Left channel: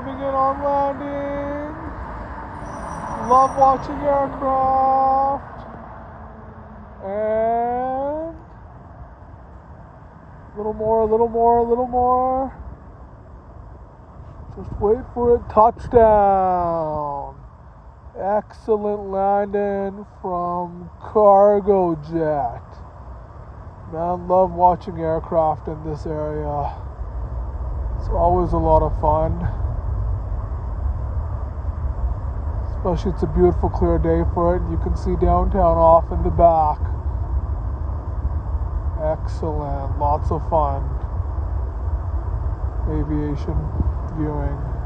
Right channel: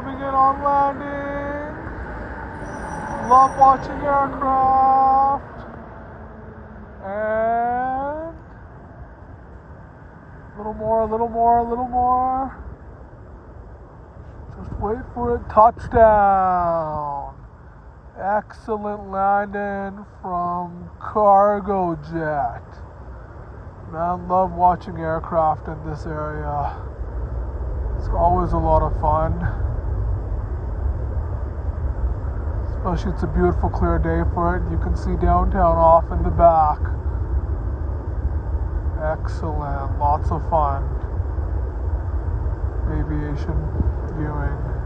coming in on landing. Love watching aircraft. And a little more, a little more, a little more. Just wait for it. Touchdown. Excellent landing from cargo jet. Man, love watching aircraft in this area. It's always a lot of fun. Especially it's a beautiful clear day for it. You can see downtown off in the back. Excellent. Lots of fun. Aviation viewing.